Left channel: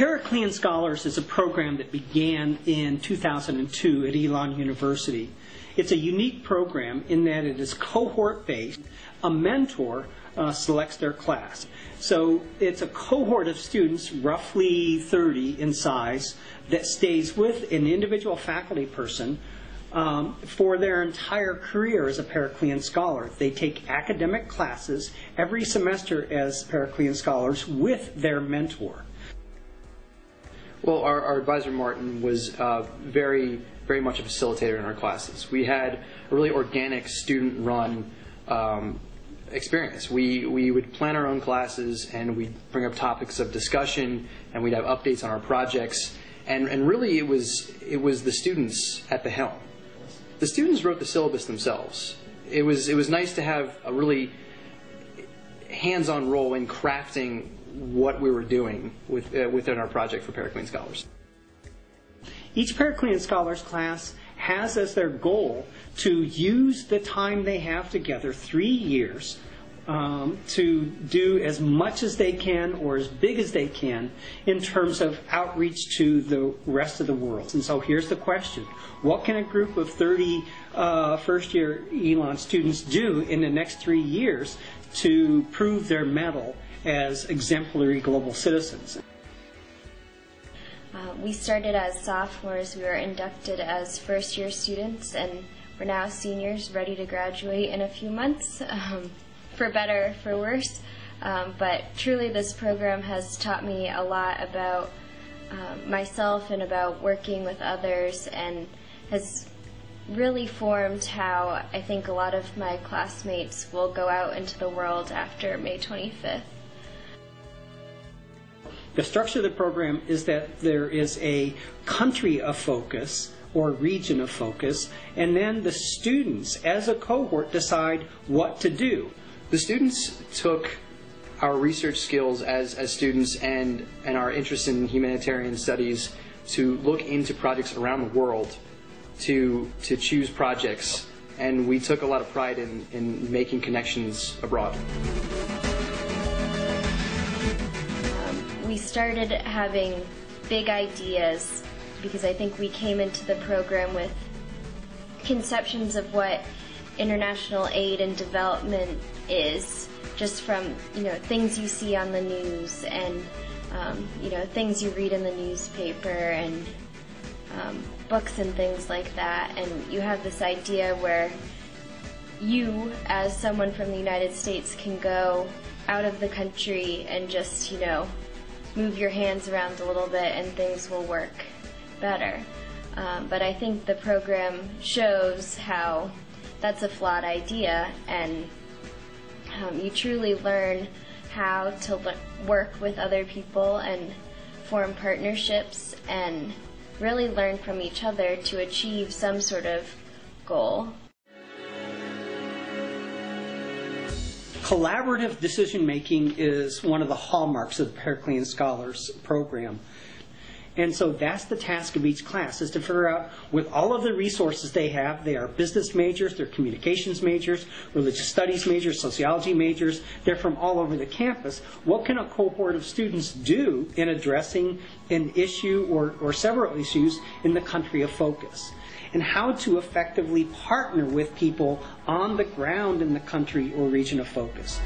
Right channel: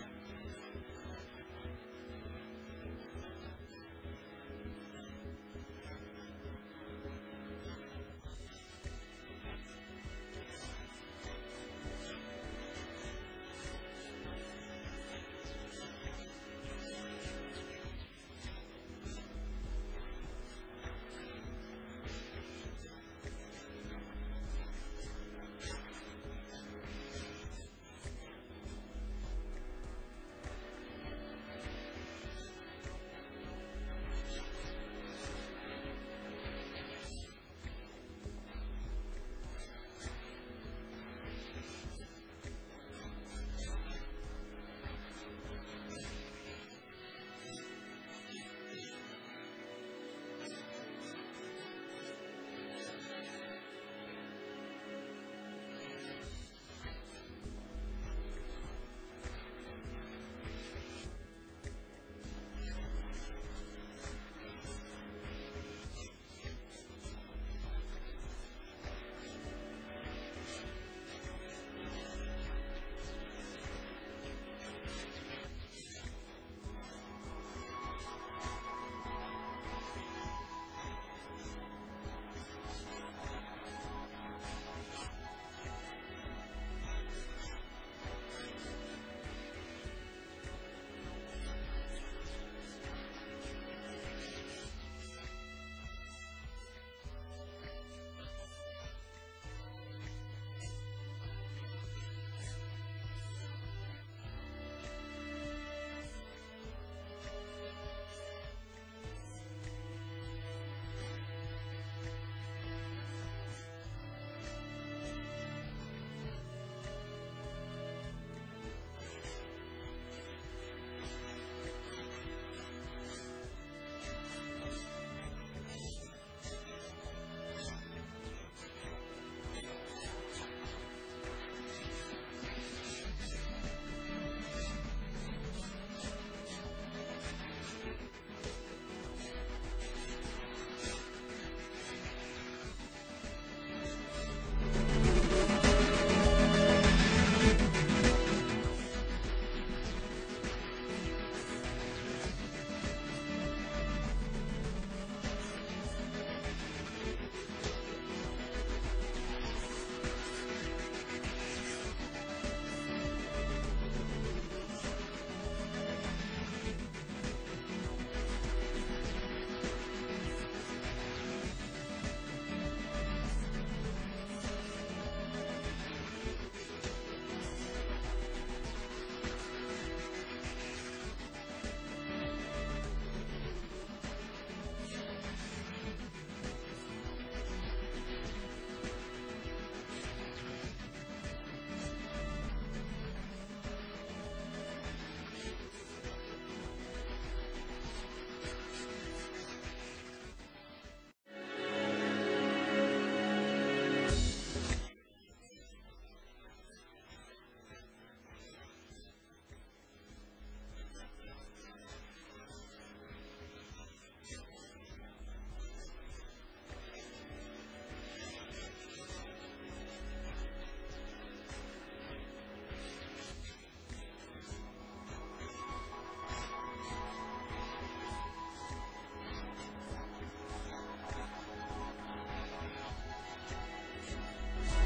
Periclean Scholars is a program that began in 2002 at Elon University. It's a unique program in that it is cohort-based. A mentor selects their class. So it's a cohort of students, roughly 30 in size, that stays with an individual faculty person for their entire career as a Periclean Scholar. They take academic classes every semester as Periclean Scholars with their mentor. Well, our advisor Martin was very much a facilitator in our classes. We had a really organic student-run experience. We would plan our own classes, and we'd bring up topics of discussion, and we'd have updates on our projects. And really, it was the students at the helm. The students wrote the syllabus themselves. It was nice to have a really hands-on role in crafting what we were doing within our project for Periclean Scholars. Each Periclean Scholars class has as their goal to use the time they have together, 3 years, to do as much as they can or as big as they can in terms of outreach to the rest of the world. And so here's the question. What can a group of 30 first-year Elon students do in the next 3 years to prove their mettle as exemplary global citizens? We started as sophomores. We were inducted as first-year students, and we're now seniors ready to graduate in a few months, for better or for worse. But truly this program has taught me a lot about myself and about working with others, and has really formed how I think a lot of my classmates will go out into the world after May 25th. The structure of the program is that there is a country of focus or region of focus, and then the students as a cohort decide what to do. The students took our research skills as students and our interest in humanitarian studies to look into projects around the world, to choose projects, and we took a lot of pride in making connections abroad. We started having big ideas because I think we came into the program with conceptions of what international aid and development is, just from things you see on the news and things you read in the newspaper and books and things like that. And you have this idea where you, as someone from the United States, can go out of the country and just move your hands around a little bit and things will work better. But I think the program shows how that's a flawed idea, and you truly learn how to work with other people and form partnerships and really learn from each other to achieve some sort of goal. Collaborative decision-making is one of the hallmarks of the Periclean Scholars program. And so that's the task of each class, is to figure out, with all of the resources they have, they are business majors, they're communications majors, religious studies majors, sociology majors, they're from all over the campus. What can a cohort of students do in addressing an issue or several issues in the country of focus? And how to effectively partner with people on the ground in the country or region of focus.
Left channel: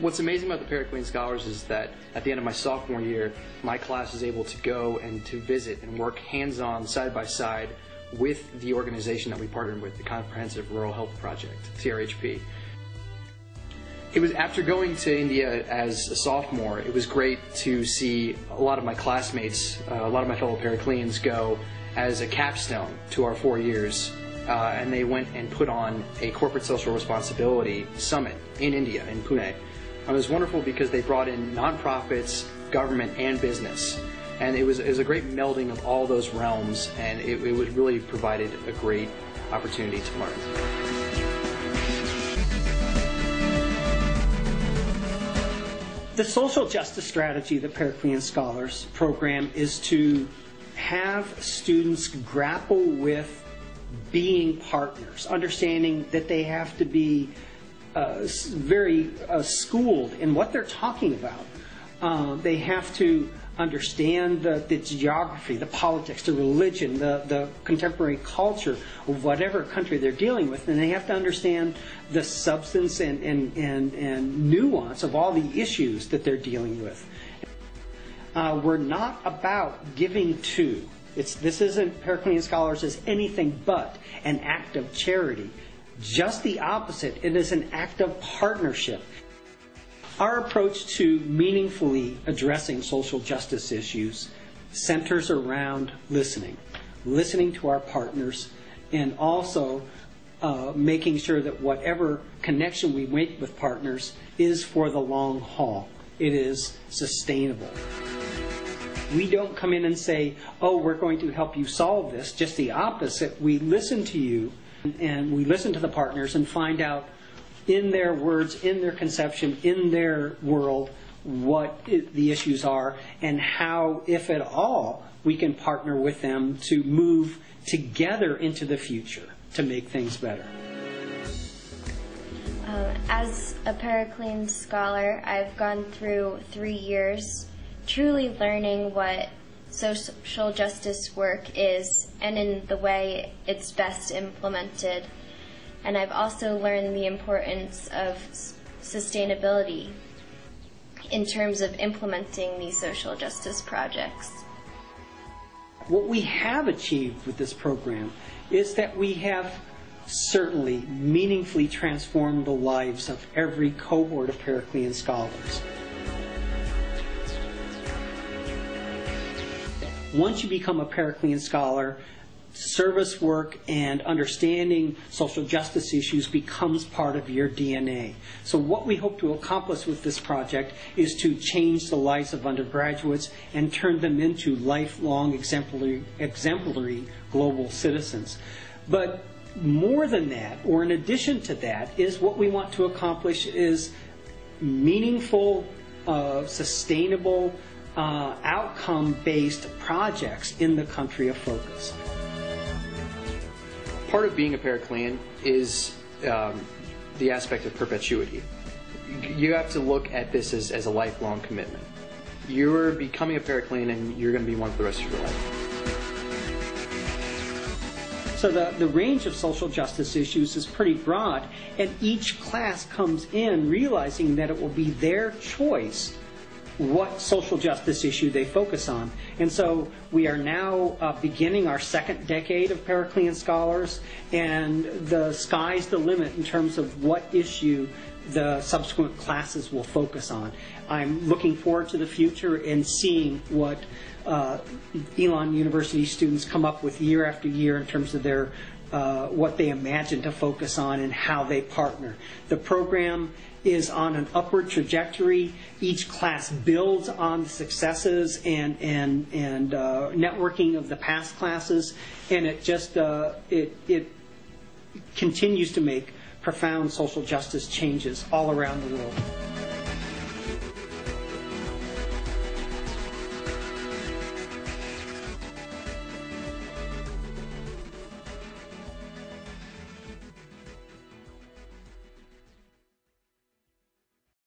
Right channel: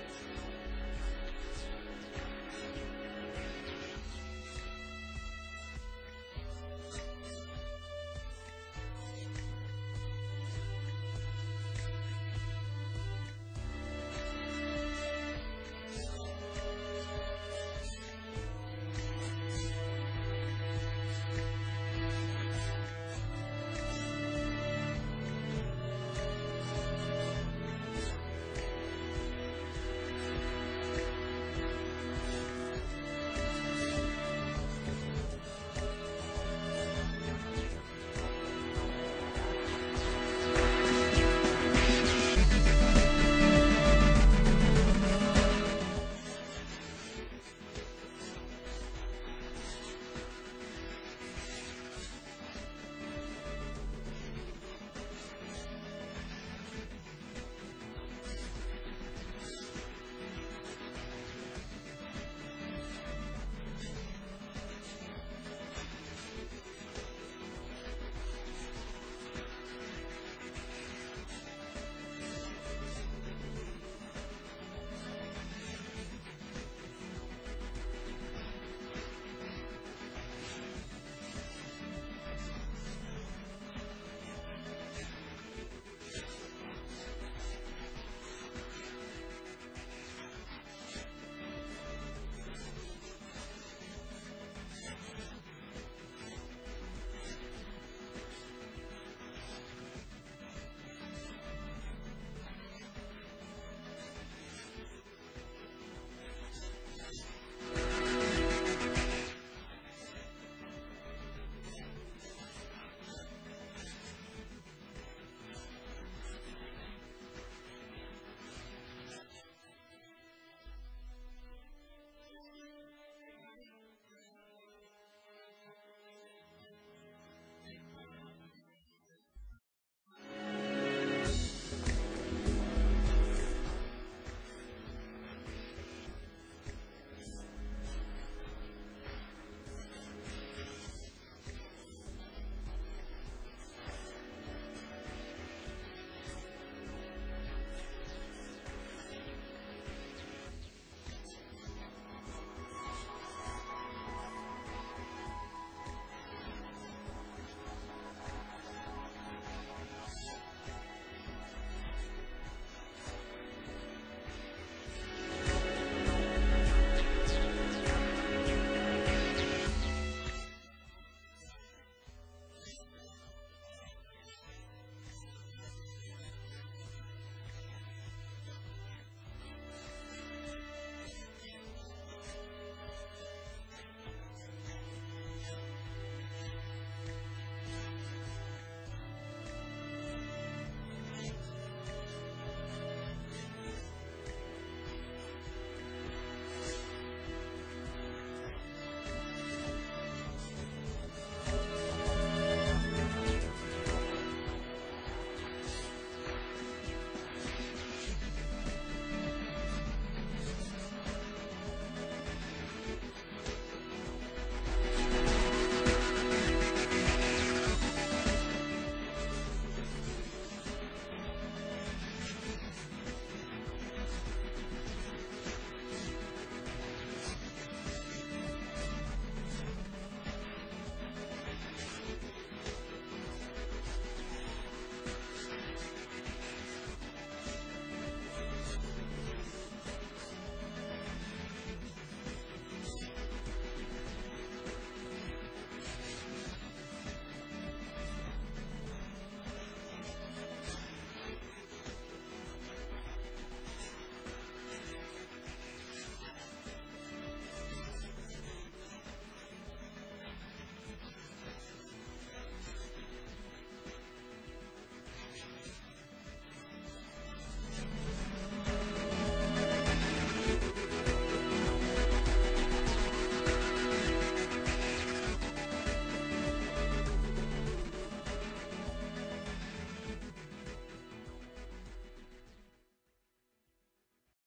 What's amazing about the Periclean Scholars is that at the end of my sophomore year, my class is able to go and to visit and work hands-on, side-by-side with the organization that we partnered with, the Comprehensive Rural Health Project, CRHP. It was after going to India as a sophomore, it was great to see a lot of my classmates, a lot of my fellow Pericleans go as a capstone to our 4 years. And they went and put on a corporate social responsibility summit in India, in Pune. It was wonderful because they brought in nonprofits, government, and business. And it was a great melding of all those realms, and it really provided a great opportunity to learn. The social justice strategy of the Periclean Scholars program is to have students grapple with being partners, understanding that they have to be very schooled in what they're talking about. They have to understand the geography, the politics, the religion, the contemporary culture of whatever country they're dealing with, and they have to understand the substance and nuance of all the issues that they're dealing with. We're not about giving to. This isn't Periclean Scholars as anything but an act of charity. Just the opposite. It is an act of partnership. Our approach to meaningfully addressing social justice issues centers around listening to our partners, and also making sure that whatever connection we make with partners is for the long haul. It is sustainable. We don't come in and say, oh, we're going to help you solve this. Just the opposite. We listen to you, and we listen to the partners and find out in their words, in their conception, in their world, what the issues are, and how, if at all, we can partner with them to move together into the future to make things better. As a Periclean scholar, I've gone through 3 years truly learning what social justice work is and in the way it's best implemented. And I've also learned the importance of sustainability in terms of implementing these social justice projects. What we have achieved with this program is that we have certainly meaningfully transformed the lives of every cohort of Periclean scholars. Once you become a Periclean scholar, service work and understanding social justice issues becomes part of your DNA. So what we hope to accomplish with this project is to change the lives of undergraduates and turn them into lifelong exemplary global citizens. But more than that, or in addition to that, is what we want to accomplish is meaningful, sustainable, outcome-based projects in the country of focus. Part of being a Periclean is the aspect of perpetuity. You have to look at this as a lifelong commitment. You're becoming a Periclean and you're going to be one for the rest of your life. So the range of social justice issues is pretty broad, and each class comes in realizing that it will be their choice what social justice issue they focus on. And so we are now beginning our second decade of Periclean Scholars, and the sky's the limit in terms of what issue the subsequent classes will focus on. I'm looking forward to the future and seeing what Elon University students come up with year after year in terms of their what they imagine to focus on and how they partner. The program is on an upward trajectory. Each class builds on the successes and networking of the past classes, and it just it continues to make profound social justice changes all around the world.